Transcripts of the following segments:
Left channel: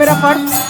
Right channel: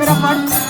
मेरा फर्ज।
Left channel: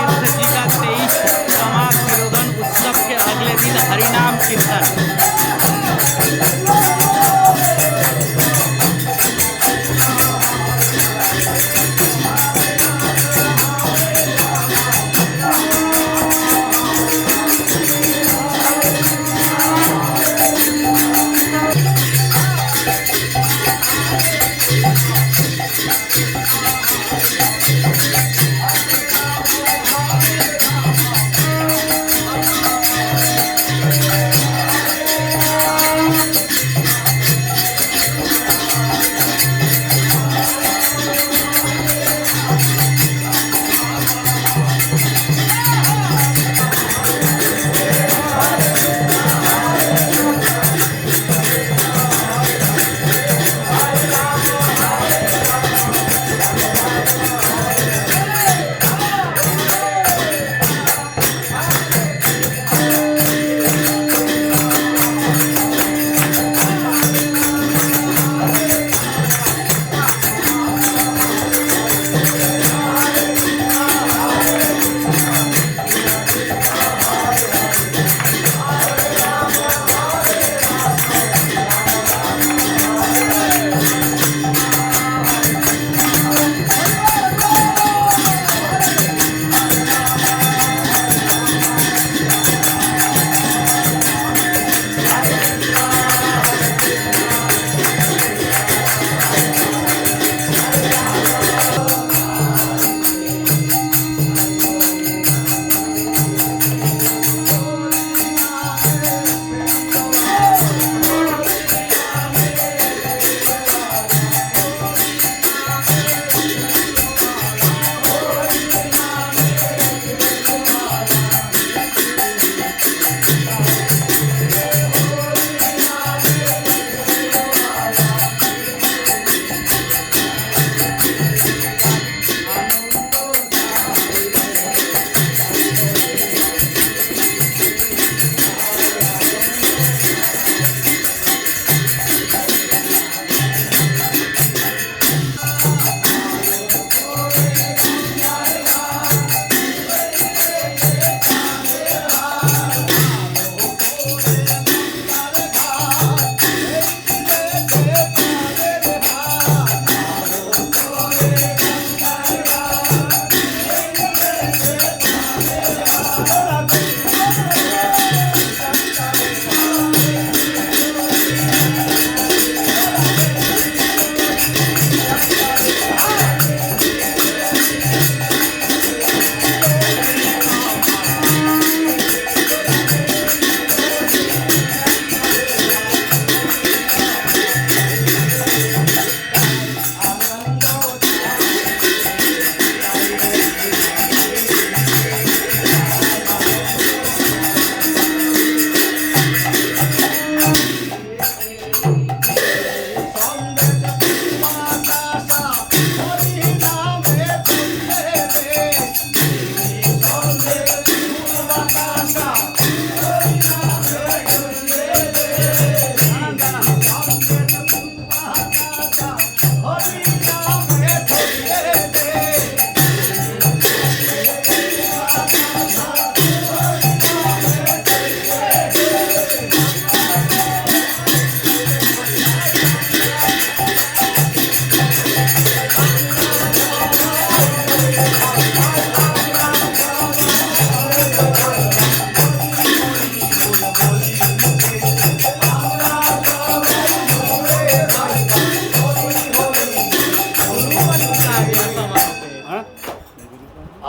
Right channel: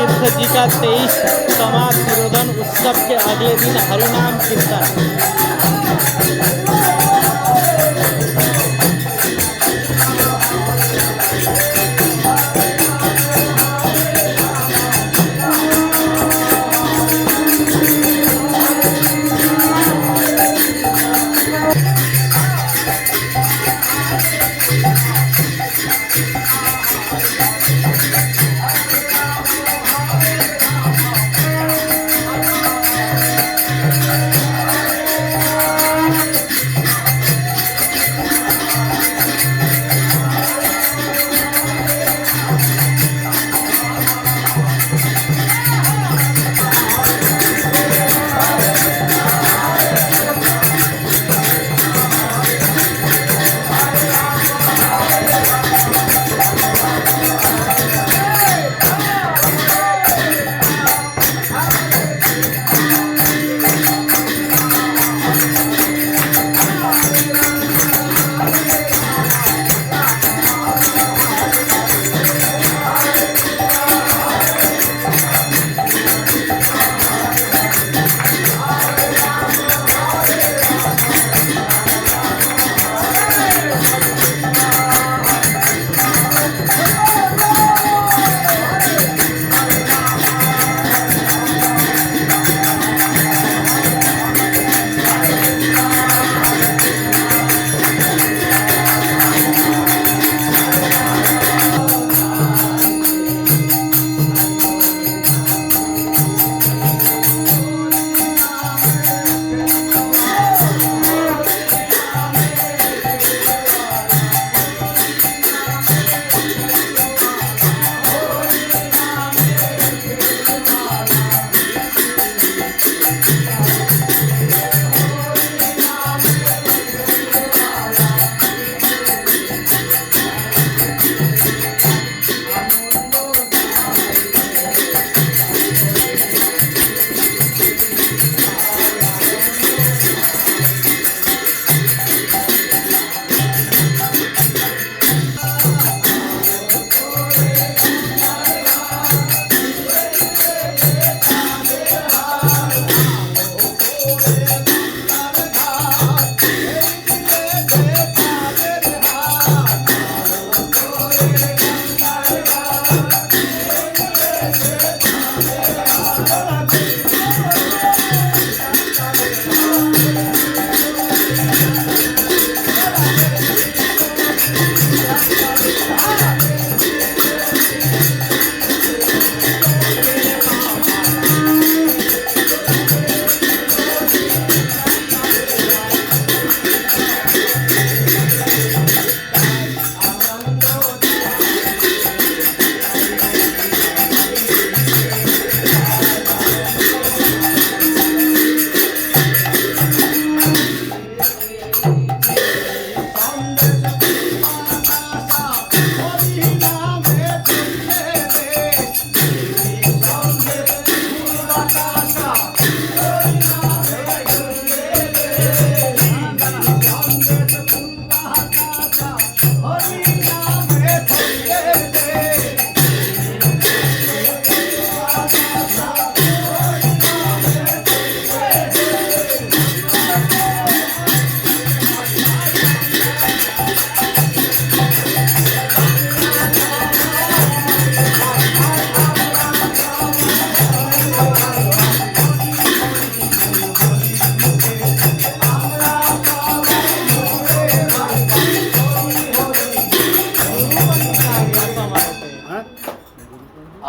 तीर्थ जी का 23वां तिरोधन उत्सव के अगले दिन हरिनाम कीर्तन।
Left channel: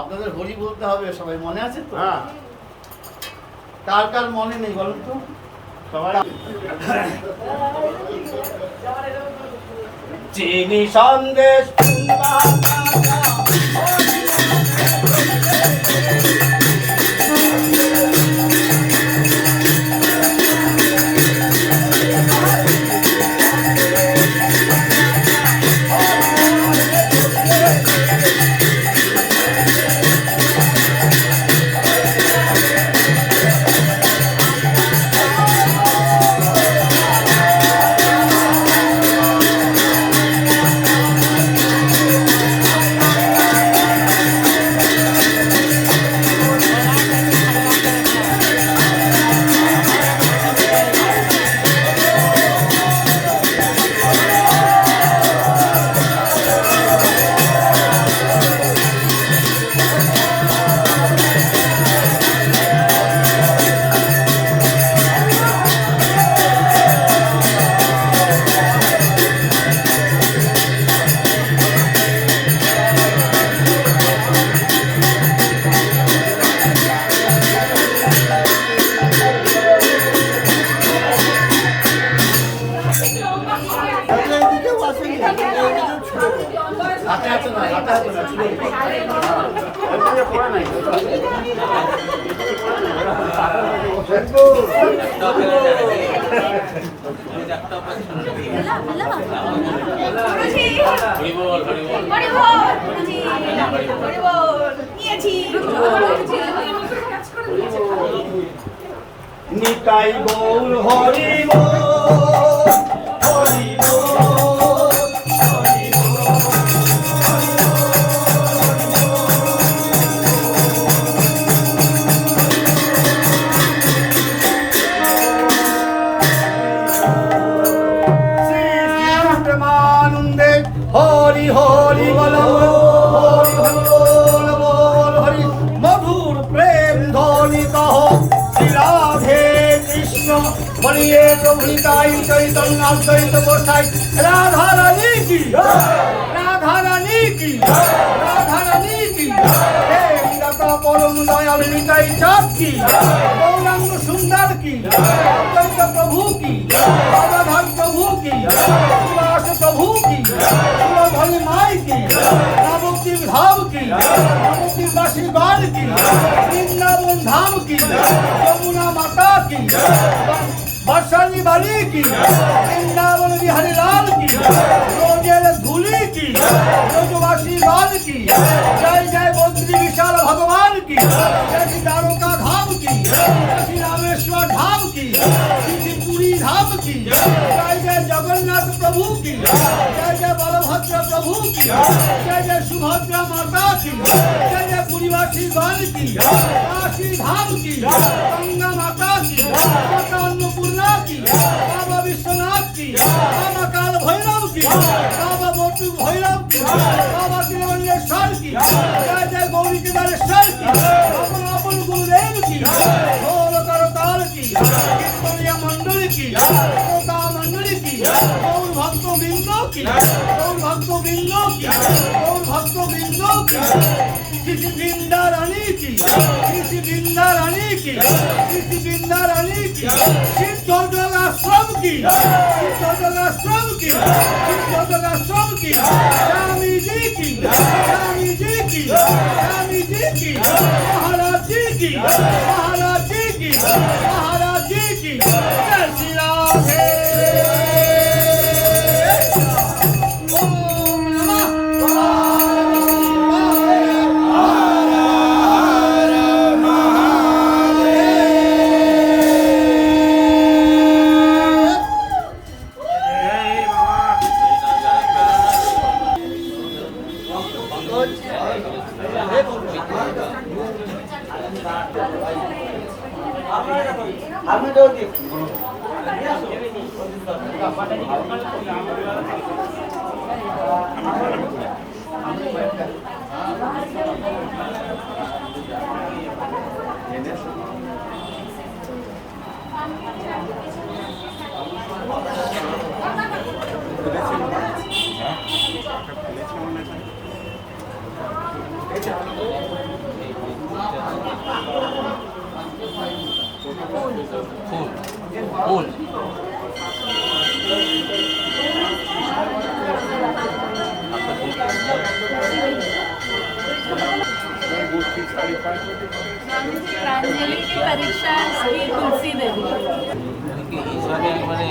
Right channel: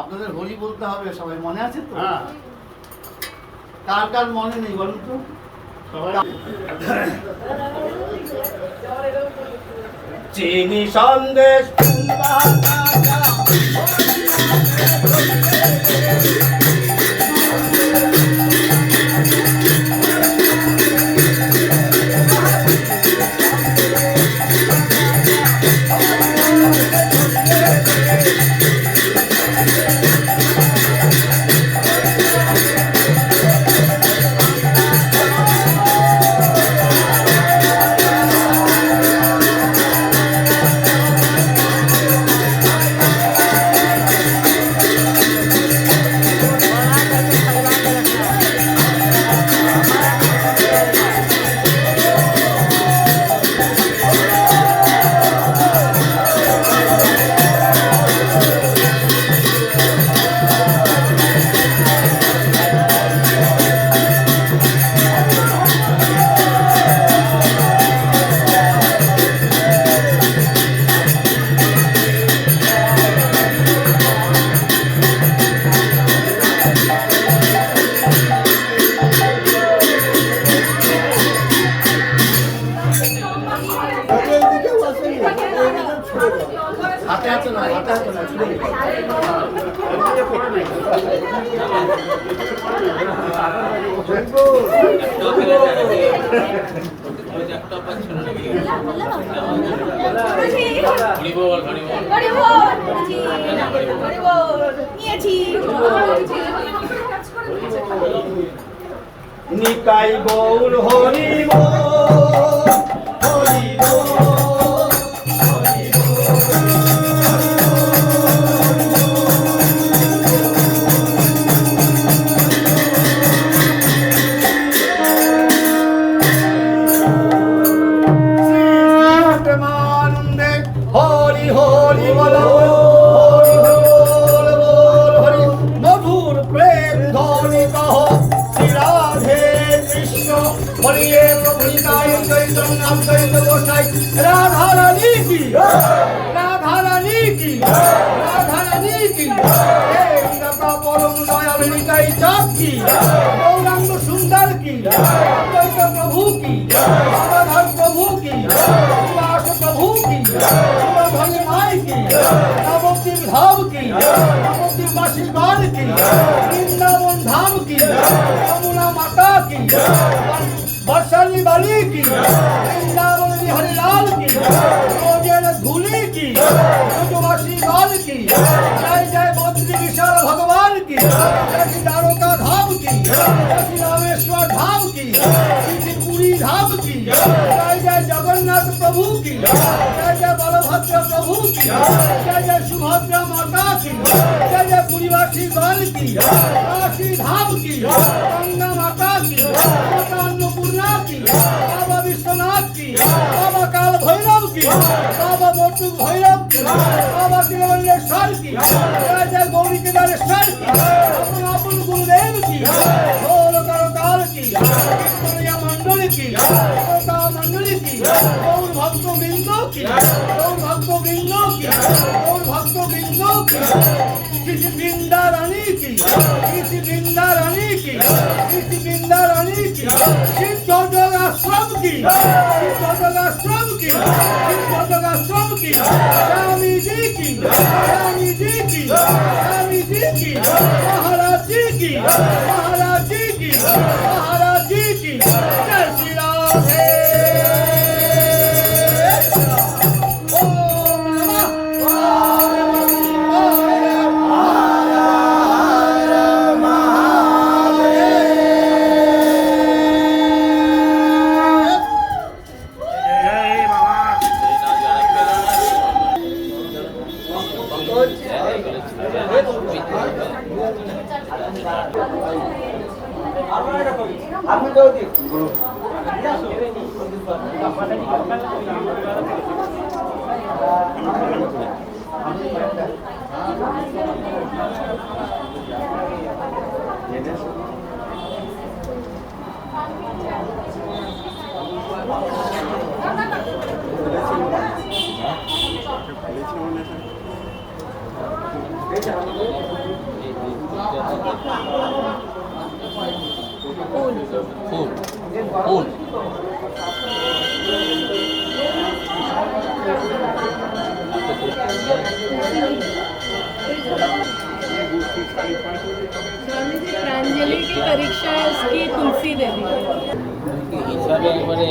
আপনাদের হোলি বলতে হবে সবাই, মনে আছে তো? হ্যাঁ। কার কার মনে নেই বলুন তো? চিনি সন্দেশ मिला मिला ना हरि बोल हरि बोल जी हरि बोल নিয়েছি নিতাই গৌর হরি বল হরি বল হরি হরি হরি বল হরি বল হরি মধুর প্রেম ধ্বনি কহ শ্রী রাধে কৃষ্ণ বলিয়ে প্রভুতাই চৈতন্যম চৈত গোসাই রাধা রানী কি রাধা রানী কি রাধা রানী কি হে দাতা পরম দয়াল নিতাই চাঁদ কি গৌরাঙ্গ সুন্দর কি চৈত প্রভু কি রাধাধর প্রভু কি উল্লাস প্রভু কি ভাই মাই কি নবদ্বীপ ধাম কি নবদ্বীপ বাসী গান কি বৃন্দাবন ধাম কি যমুনা মাতা কি বর্ষালী বালি কি বৃন্দাবন বিহারী লাল কি রোজের ধুলি কি ব্রজবাসী লাল কি জয় জয় বদ্রী বিশাল ভগবান কি জয় দ্বারকা ধাম কি জয় রামেশ্বর ধাম কি পুরী ধাম কি জয় জয় জগন্নাথ প্রভু কি জয় জয় বলভদ্র প্রভু কি জয় জয় সুভদ্রা মাতা কি জয় জয় পুরীবাসী গণ কি কাশী ধাম কি গঙ্গা মাতা কি মাতা অন্নপূর্ণা কি বাবা বিশ্বনাথ কি বাবা কাল ভৈরব কি বাবা বটুক ভৈরব কি বাবা তিরুবল্লেশ্বর কি জয় জয় গৌরী কেদারেশ্বর কি আপন আপন গুরুদেব কি ঢোল করতাল কি কীর্তনিয়া মণ্ডলী কি শ্রোতা মণ্ডলী কি গৌর ভক্ত বৃন্দ কি গৌর ভক্ত বৃন্দ কি গৌর ভক্ত বৃন্দ কি শ্রী বৃন্দা রানী কি শ্রী বৃন্দা রানী কি শ্রী বৃন্দা রানী কি সিদ্ধদল আশ্রম কি সিদ্ধদল আশ্রম কি সিদ্ধদল আশ্রম কি স্বামী জি কি স্বামী জি কি স্বামী জি কি মহারাজ জি কি মহারাজ জি কি মহারাজ জি কি জয় শ্রী রাধে ফুল ফুল स्वामी जी प्रांजलि की परीक्षा इसकी तुलसी दे दी হিসাবে একবারে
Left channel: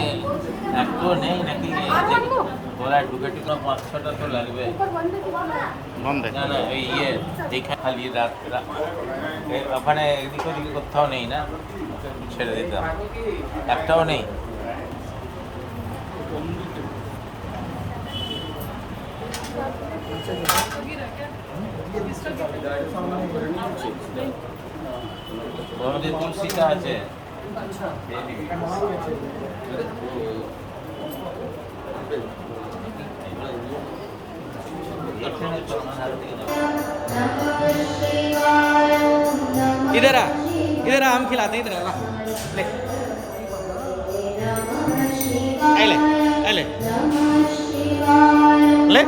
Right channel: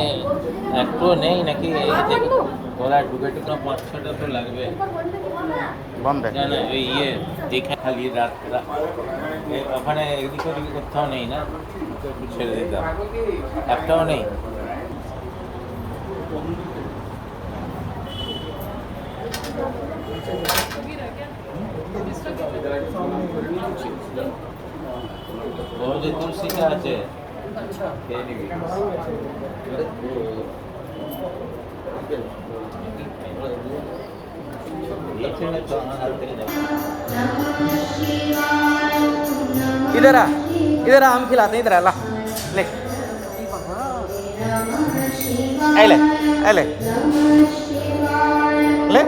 একটু নেই নাকি গলায় ঢুকে টুকে 5-6টা তো লাগবে বন্ধে না না ওই এইখানে খালি রাত ওখানে এদিক ওদিক কোথাও নেই না একটু ছেড়ে দিতাম একটাও নেই ওর মধ্যে তুলসীটা আছে খেয়ে নিবি इधर आ हम खिलाते हैं इधर आ ला ले ले ले ले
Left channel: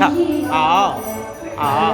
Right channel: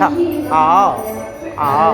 हाँ आओ आओ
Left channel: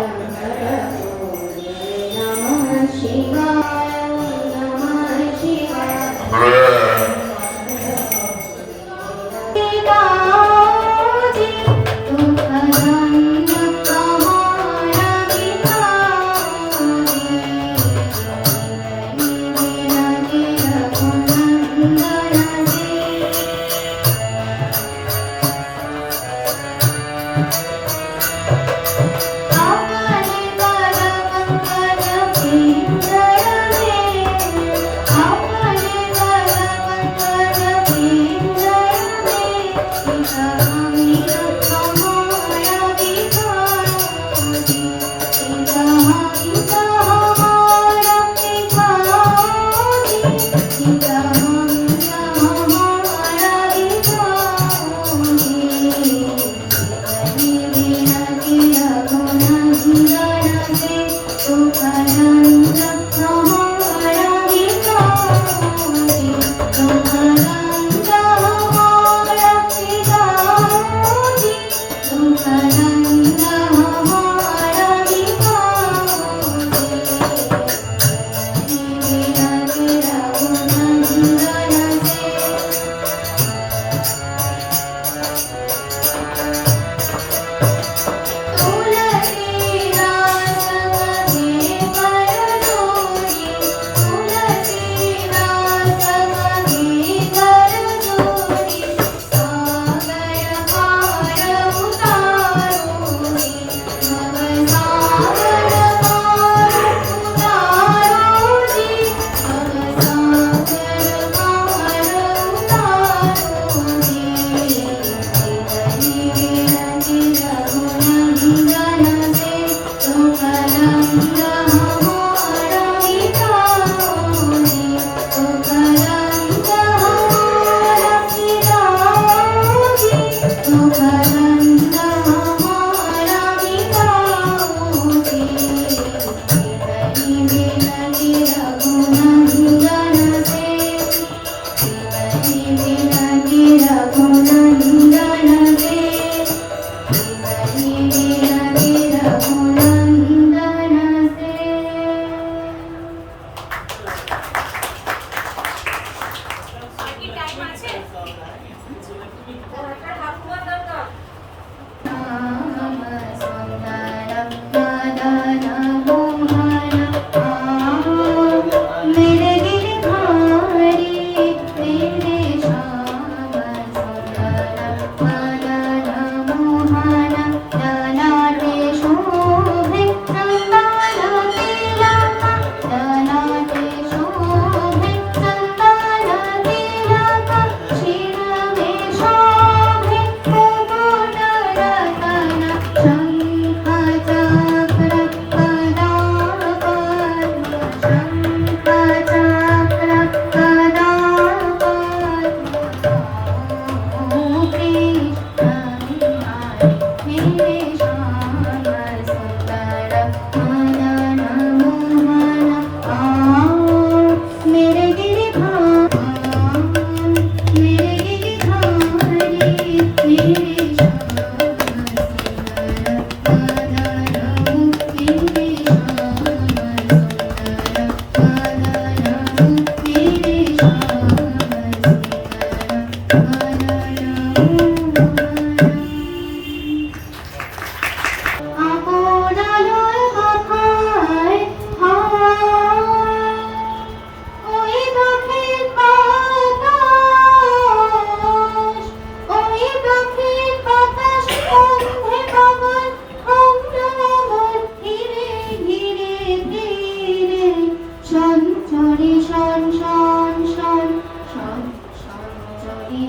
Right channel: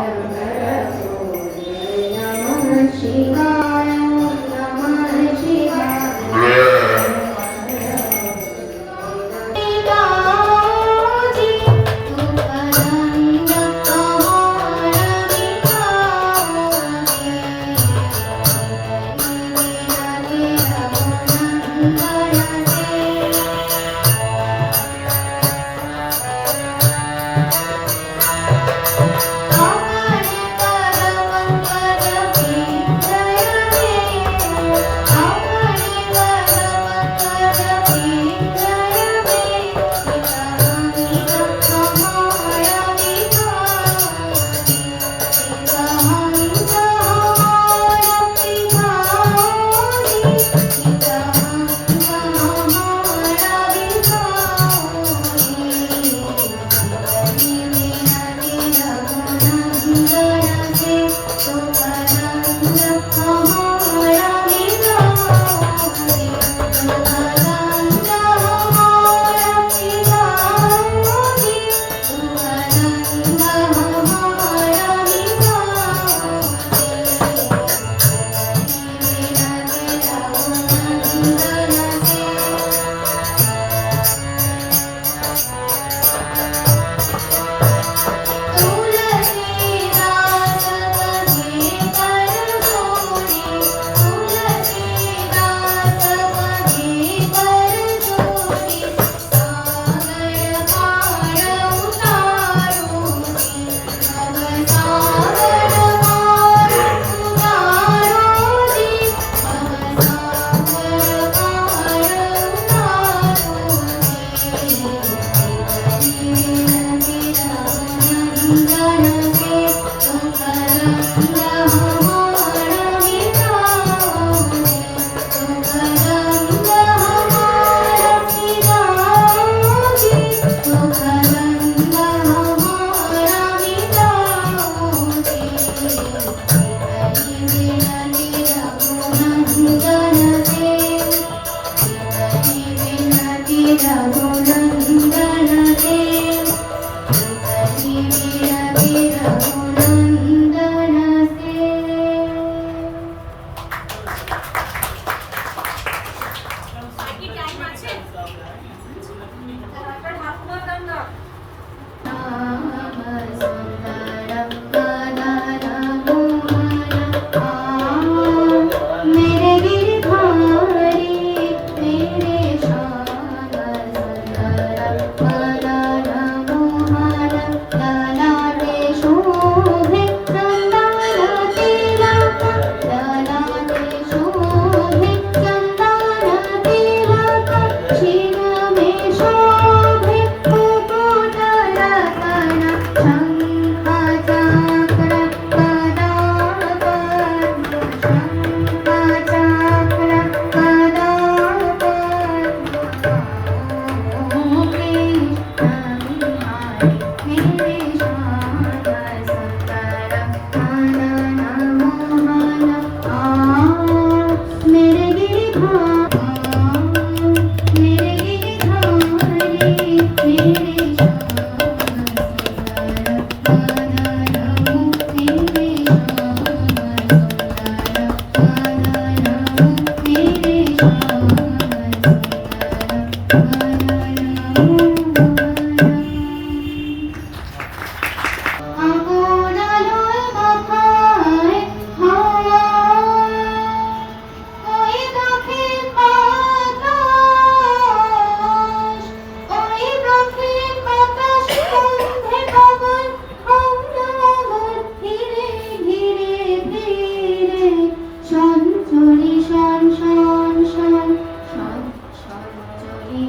সঞ্চরি শন শন শন শন সঞ্চরি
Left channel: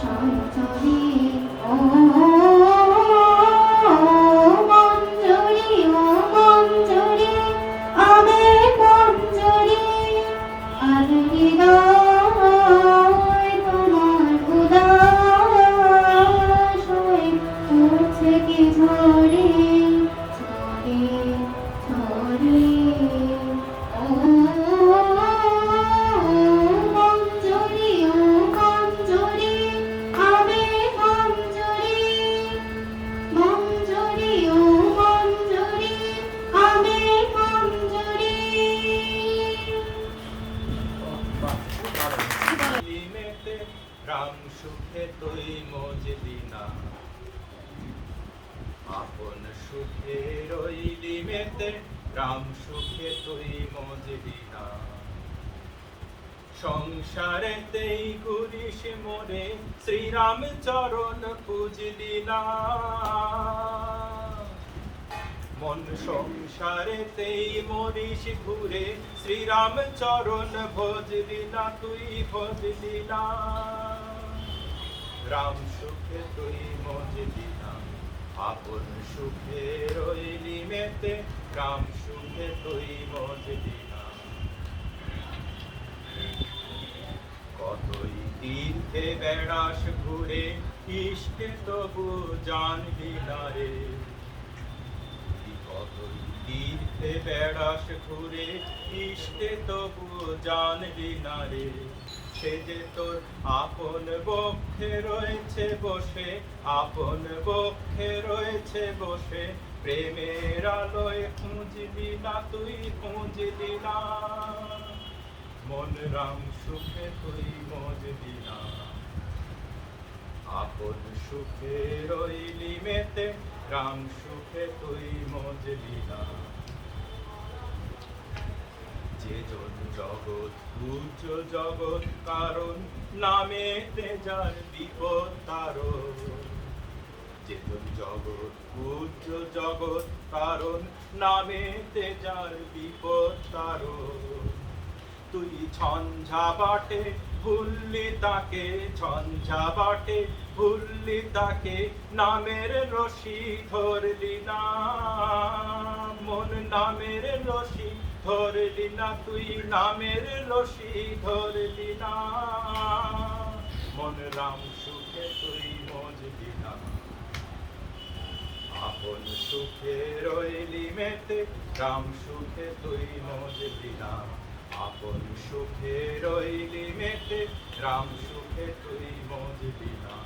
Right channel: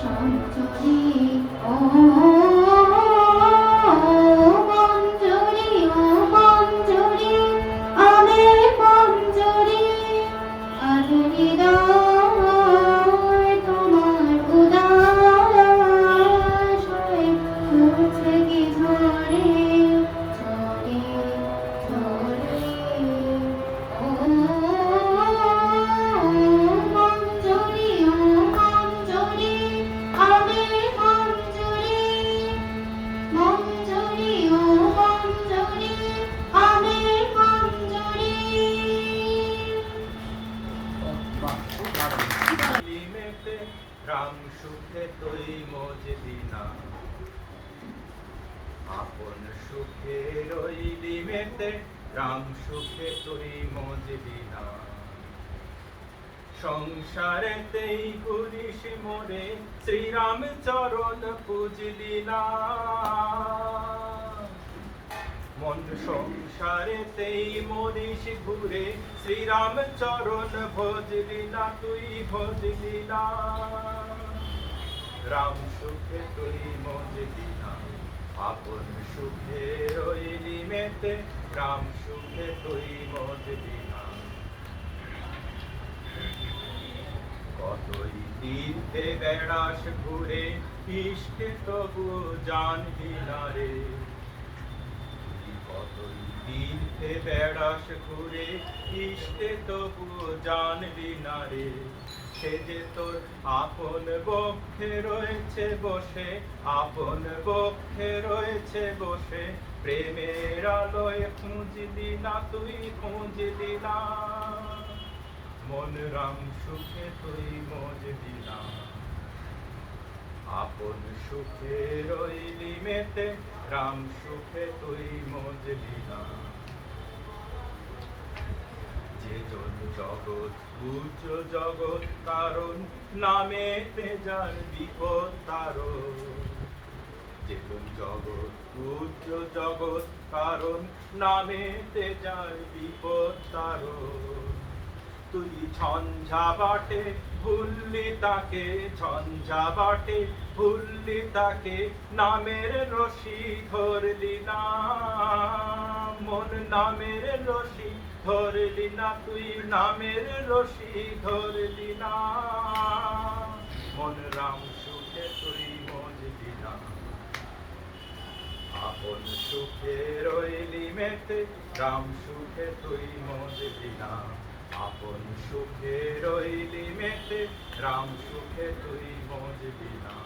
সঞ্চরি ও মঞ্জরি ও মঞ্জরি আমের মঞ্জরি আজ হৃদয় তোমার উদাস হয়ে উঠছে কি ঝরে ঝরে ঝরে ও মঞ্জরি ও মঞ্জরি আমের মঞ্জরি মঞ্জরি ও মঞ্জরি আমের মঞ্জরি লিমেতে রাম সুখে তুই মজলি না আপন সুখে রইলি মেতে রাম সুখে তুই মজলি না সংসারেতেই ঘুরিস মোরে শ্রীরাম চরণ পুজলি না মন সংসারেতেই মরিস ঘুরে শ্রীরাম চরণ ভজলি না তুই ভজলি না রাম সুখে তুই মজলি না আপন সুখে রইলি মেতে রাম সুখে তুই মজলি না কতই তীর্থে বেড়াস ঘুরে ইষ্টে তবু জানবি না রে কতই তীর্থে বেড়াস ঘুরে ইষ্টে তবু জানবি না রে সে যে তোর আপন বক্ষে রয়েছে বসে আপন বক্ষে রয়েছে বসে প্রেমের আলোয় খুঁজলি না তুই খুঁজলি না মন রাম সুখে তুই মজলি না আপন সুখে রইলি মেতে রাম সুখে তুই মজলি না যে জন জগৎ পূজ্য জগৎ কারণ নামেতে যার বিপদ তারণ যে জন জগৎ পূজ্য জগৎ কারণ নামেতে যার বিপদ তারণ তুই ঝঞ্ঝা বাটে ভুললি তাকে ঝঞ্ঝা বাটে ভুললি তাকে নামের রশি ধরলি না মন নামের রশি ধরলি না তুই নামের রশি ধরলি না মন রাম সুখে তুই মজলি না আপন সুখে রইলি মেতে রাম সুখে তুই মজলি না আপন সুখে রইলি মেতে রাম সুখে তুই মজলি না